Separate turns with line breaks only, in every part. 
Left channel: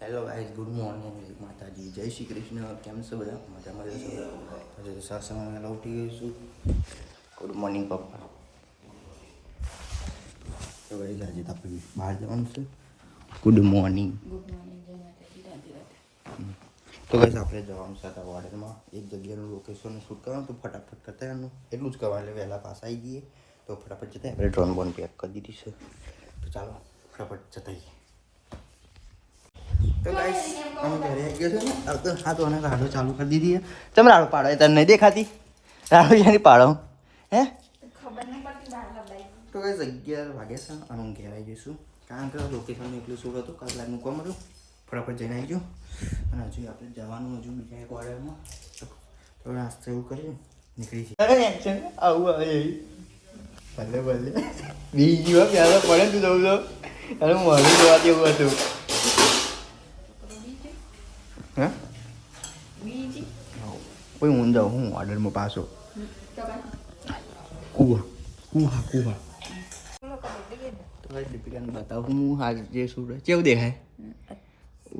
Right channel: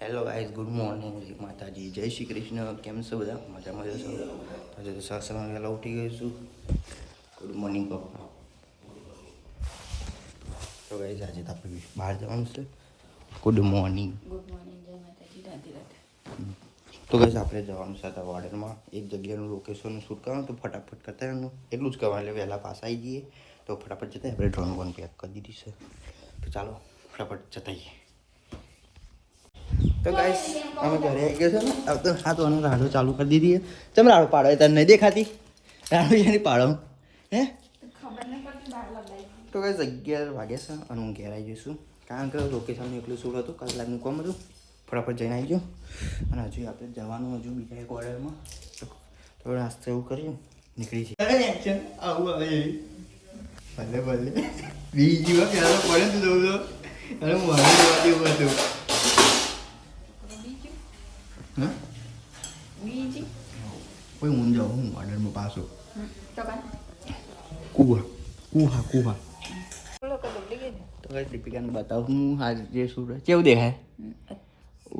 Hello guys good morning જય માતાજી જય શ્રી કૃષ્ણ કેમ છો બધા મજામાં જશો આજે તો સવારમાં વહેલા ઉઠી ગયો છું ગુડ મોર્નિંગ પપ્પા તો ગાઈઝ આજે તો આપણે બહાર જવાનું છે ગુડ મોર્નિંગ
ગુડ મોર્નિંગ જય માતાજી રાધે રાધે
તો ગાઈઝ આપણે જવાનું છે હતા વાર્ડનમાં એક જગ્યાનું લોકેશન શૂટ કરવાનું તો ફટાફટ કરતા રહેવાનું એટલું જ કરવાનું એટલે વહેલા પાસ આવી જઈએ તો ફટાફટ જતા આપણે ડ્રોન બોન પેક કરી દીધી છે તો ચાલો ફટાફટ જતા આવીએ તો ગાઈસ અમે ઘરે આવી ગયા છે ને તો હા, તો અમે રાડો ચાલુ કરી દીધી ચમ રાડો પાડો એ તને નહીં દેખાતી? રાડો યાની પાડો? હે? તો ગાઈસ અગિયાર વાગે છે અને હું ઘેર આવી જઈશું કારણ કે લોકેશનનું એટલું શું હતું કલાકનું કોમ હતું. ફટાફટ જઈને આવી ગયું. અને હજુ આપણે જવાનું હજુ બીજા એક ઓર્ડરમાં તો નાસ્તો એવું કરીએ, નીકળી છે આવું આવે ભલે ભલે. બીજી વાર પહેલાં પડે તું જવું તો. મોડું જોવા જેવું હતું. હા
બીજી
કોઈ હું જાઉં હું ઓર્ડરમાં પાછો કુહા કુહા
ને
તો કઈ દીપિકાને બતાવું હું આ જે રહે કેવું દેખાય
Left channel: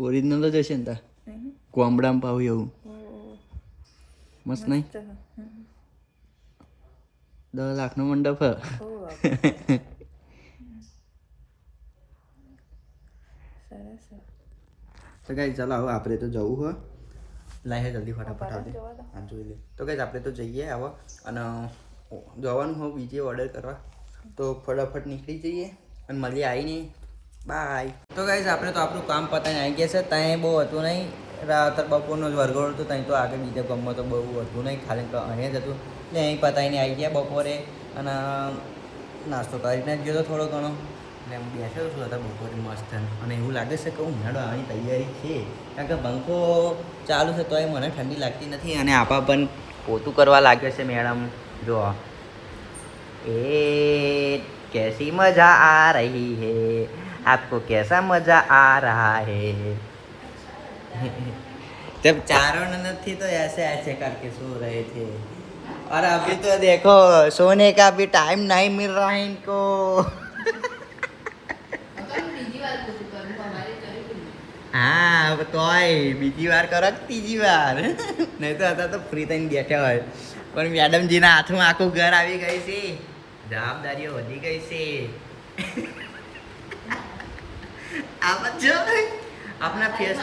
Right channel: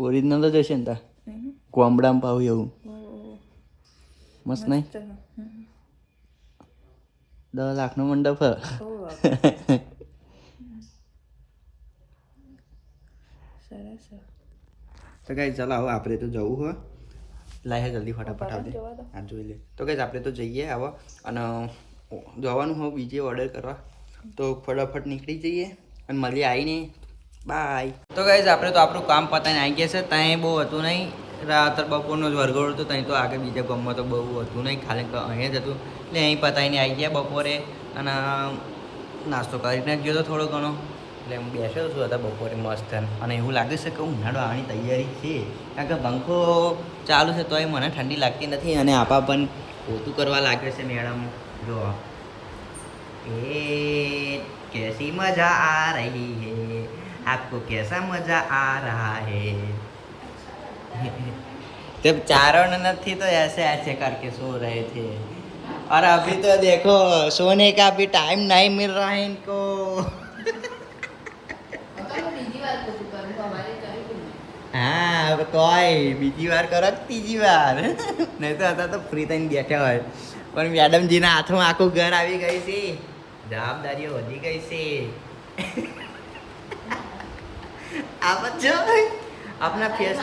ઓરિજિનલ જ હશે ને તા કોમડામાં પાવું એવું મસ્ત નહીં દસ લાખનો મંડપ હ. તો કઈ ચાલો હવે આપણે તો જવું હોય લાય જલ્દી ફટાફટ આવજે.
આ
હા જોઈ લે. તો કઈ આપણે તો જઈએ આવો અને જવાનું હોય બીજે ઓર્ડર કરવા. તો ફટાફટ નીકળી જઈએ. અને મળીએ આવીને બાય તો કઈ આપણે તો આપણું કામ પતાવીને આવી ગયા છે. ત્યાં બહુ હતું નહીં. રાત બપોરનો જ વરઘોડો હતો ત્યાં તો આગળ બીજા ગમમાં તો બહુ હતું નહીં. ખાલી અહીંયા જ હતું. એટલે અહીં પતાવીને આવી ગયા બપોરે. અને નાસ્તો કરીને જ ગયો હતો થોડો ઘણો. એટલે હું બેસ્યો છું હતા બપોરે મસ્ત અને એવું લાગે છે કે ઉનાળો આવવાની તૈયારી છે કારણ કે પંખો ચાલુ છે તોય મને ઠંડી લાગતી નથી અને આપા પણ પોતું કરવા લાગ્યો છે મેડમ જો એ कैसी मजा आ रही है आपको कैसा मजा आ रहा है जब चारों ननद थी तो ऐसे ऐसे करके सो रहे थे और अभी तो देखो सोने का भी टाइम नहीं मिल रहा है इनको હા હવે તોય બીજી વાર કરો ત્રીજી વાર. નહીં તો હતા તો ફ્રી થઈને બેઠા હોય. પણ મેડમજીના હાથમાં આખું ઘર આવી ગઈ છે. જવાબદારીઓ વધી ગઈ છે. આ જો આપના ફેસ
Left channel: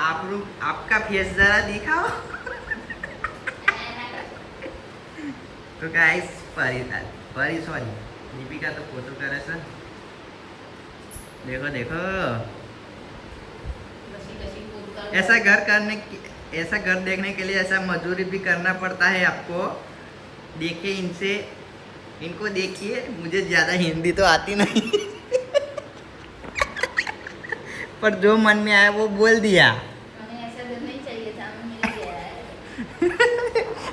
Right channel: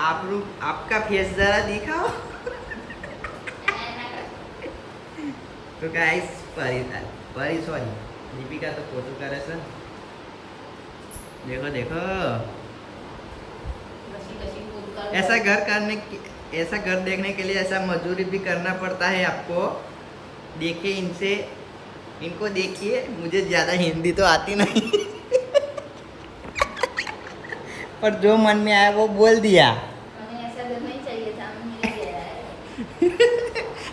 આપણું આપકા ફેસ જરા દિખાઓ તો ગાઈસ પરી પરી સોરી દીપિકા તો પોતું કરે છે.
देखो देखो
ऐसा घर करने ऐसा घर देखने के लिए ऐसा मजदूरी भी करना पड़ता है आपको देखिए इनसे इनको देखिए मुझे ज़्यादा हिंदी तो आती नहीं पर जो मन में आया वो बोल दिया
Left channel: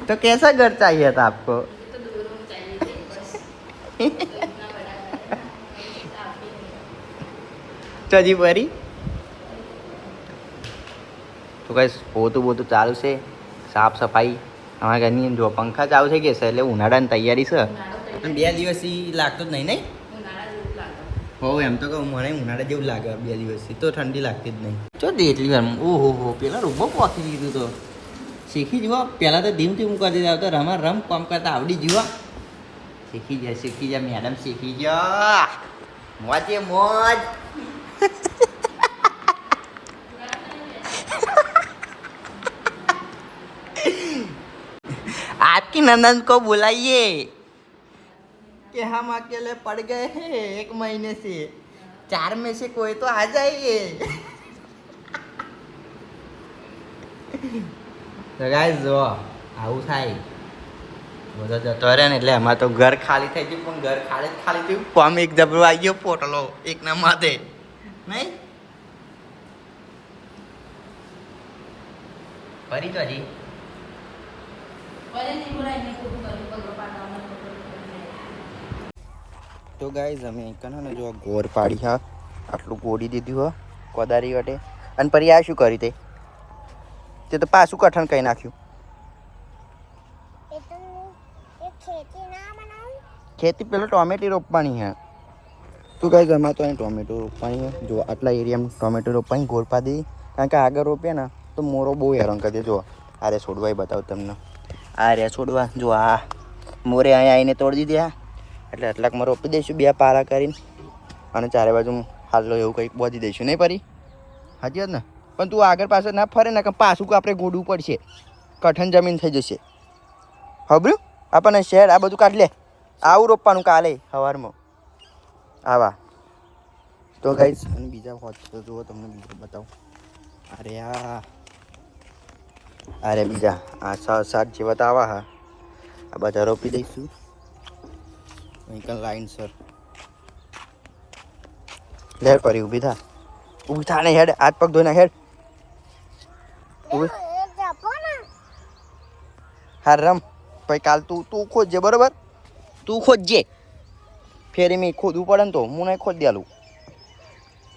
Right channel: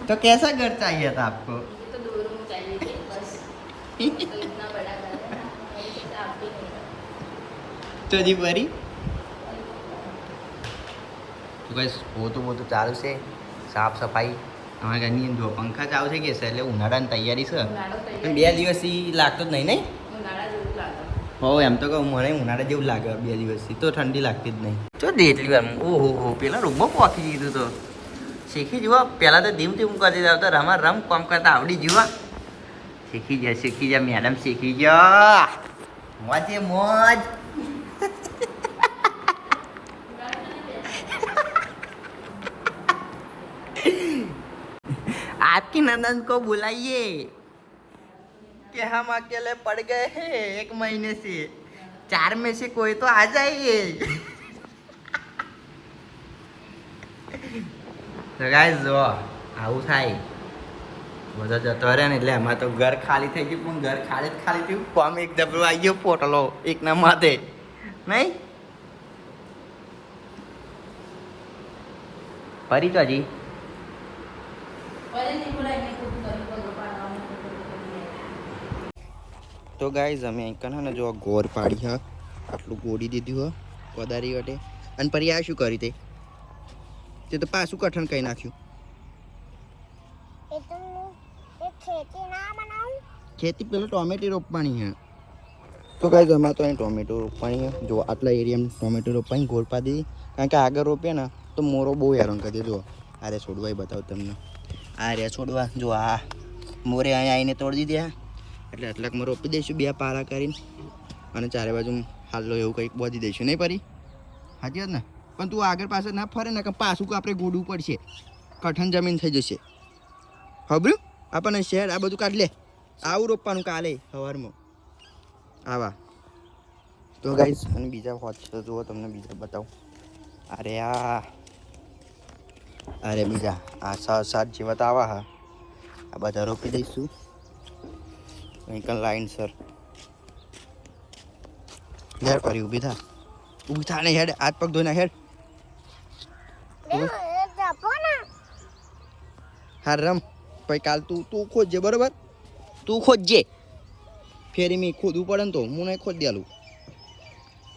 तो कैसा घर चाहिए था आपको
तो दो रूम चाहिए
હજી ફરી તો કઈ પોતું બોતું ચાલુ છે. સાફ સફાઈ. અમારા ઘરની જો પંખા ચાલુ થઈ ગયા છે એટલે ઉનાળાની તૈયારી છે. પણ બે દિવસથી લાગતો જ નહીં નહીં?
ઉનાળા જેવું લાગે.
હો એમ તો કહું મને ઉનાળા જેવું લાગે બે દિવસથી. તો ઠંડી લાગતી જ નહીં. તો દે એટલી વાર ઓહો હો પેલા રોબો પહોંચી દીધું તો. શીખી જુઓ પહેલાં તો ધીમ ધીમ કરી દીધા તો રમા રમ કામ કરતા આવડી જુઓ. શીખી જા શીખી જા મેડમ શીખી જા. મોજે મોજ. आपकी ननद को बुलाइए कि हम अकेले पड़ गए हैं एक महीने से चार में से कोई तो आ जाइए તો ગાઈસ જો આવું થાય બધો જતો રહે ને એટલે એમાં તો ઘર ખાલી થઈ ગયું પણ ઘર ખાલી જ ખાલી થયું કોમ એક જબરો આવી ગયો પોટલો એકના માથે નહીં? ફરી તો હજી. તો ગાઈઝ અમે કને ને જો ગોર પાડી હા આટલું ગોળી દીધું હા કોદારી વટે. અને પછી આ શું કરી તે? તે તો પાછું કઠણ કહી નાખ્યું.
એ તો એ ખેતી ના
પેલો ટોમેટી રોપવાની હે. તું કાંઈ ગમા તો અહીં ટોમેટો રોપાણી જો, આટલા એરિયામાં ટોમેટો રોપાણી ગોળ પા દીધી કારણ કે આગળ રોપીએ ને, તો મોરો બહુ હેરાન કરી દે. જો, આ રે છોડવા બતાવું તમને. આ રે છોડવા. જો, આ મોરે અહીંયા આવીને તોડી દીધી. એટલે આટલાકમાં રોપી દઈશું, બે પારા કરીને. અને ચારે બાજુ હાલો એવું કંઈક બોધી દઈશું. નહીં પરી? હાજી ને? પણ તું આગળ પાછળ ના ફરે ને, કે પાછું આપણે ગોડવું પડશે? કઠણ જમીન થઈ જશે. હબરું આપણને શહેર આ બધું કાઢ લે. આવું રોપવાનું કાલે, સવારમાં. આવા તો ગાઈસ અને બીજા હોત તો જુઓ તમને બીજા બતાવું. અરે આ. અરે બીજા, આ સાત સાત જેવા તો આવા હા. આ બધા રોપી દઈશું. અહીં લાઈન સર લે પરી, ઊભી થા. ઊભી થા ને હેડ, હાથ પગ ધોઈને હેડ. ઊભી.
જપો ને
હા, રમ. પછી કાલ તું તું ખોદજે બરોબર? તું ખોદજે ફેરી મેં ખોદવું પડે ને તો હું નહીં ખોદ દેલું.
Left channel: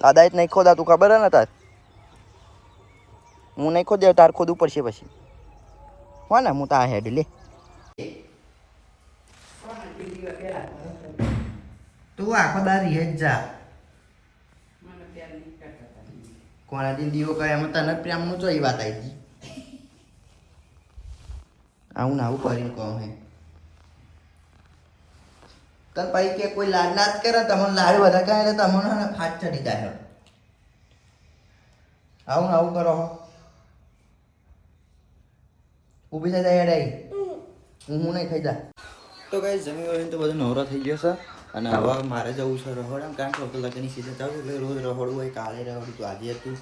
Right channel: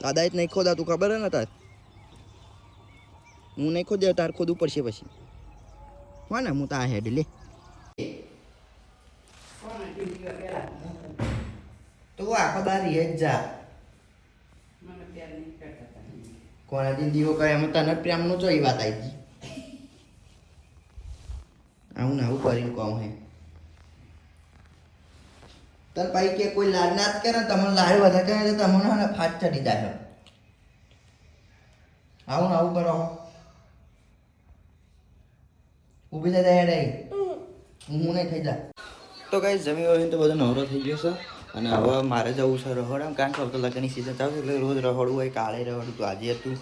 દાદા જ નહીં ખોદા તું ખબર હે ને તાર? હું નહીં ખોદ દે તાર ખોદવું પડશે પછી. હો ને હું તાર હેડ લે. તું આખો દારી હેજ જા. કોના દીવો કરે, એમ તને પ્રેમનું જોઈ વાત આવી ગઈ. આવું ને આવું કરીને કહું હે. તને પછી કે કોઈ લાડ ના જ કરે તમને લાડ વધારે કહે તો તમને ફાટ ચડી જાય આવું ને આવું કરો ઊભી થઈ જાય ડાઈ હું નહીં થઈ જા. તો કઈ જમી હોય તો બધો નવરો થઈ ગયો છે. અને હવે મારે જવું છે રહોડામાં કારણ કે હવે તો લગ્નની સિઝન ચાલુ એટલે રોજ રહોડવું હોય, કાલે રહોડું આજે હતું.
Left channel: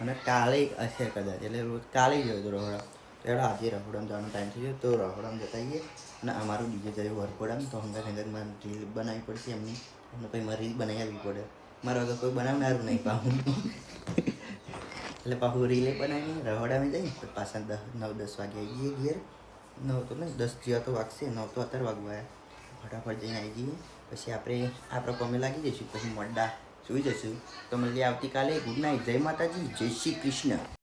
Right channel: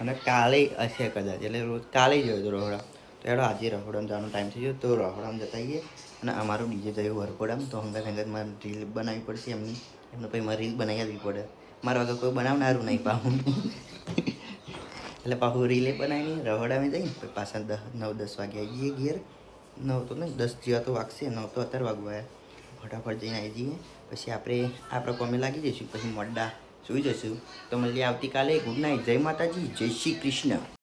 અને કાલે હશે કદાચ, એટલે રોજ કાલે જ હોય તો રહોડા. એડો આજે રહોડામાં જવાનો ટાઈમ થઈ ગયો તો રહોડામાં જતા આવીએ. અને અમારું ડીજે જયું વરપોડામાં તો હંગા હંગા મારે રીલ બનાવવી પડશે એમની. એમને પછી મારે રીલ બનાવી આપવી પડે. મારા વગર કોઈ બનાવનારું નહીં પાહું. એટલે પાછું રીલે બનાવીને રહોડામાં જઈને પાછા દસ નવ, દસ વાગે આવી જઈએ ઘેર. નવ તો નહીં, દસ જેવા તો વાગશે, નવ તો અત્યારે વાગવા ફટાફટ જઈને આવી જઈએ. પછી આપણે આપણે કોમે લાગી જઈશું. પછી મોડા સુઈ જઈશું. તો મળીએ આવતીકાલે. ગુડ નાઇટ જય માતાજી. જય શ્રી કૃષ્ણ.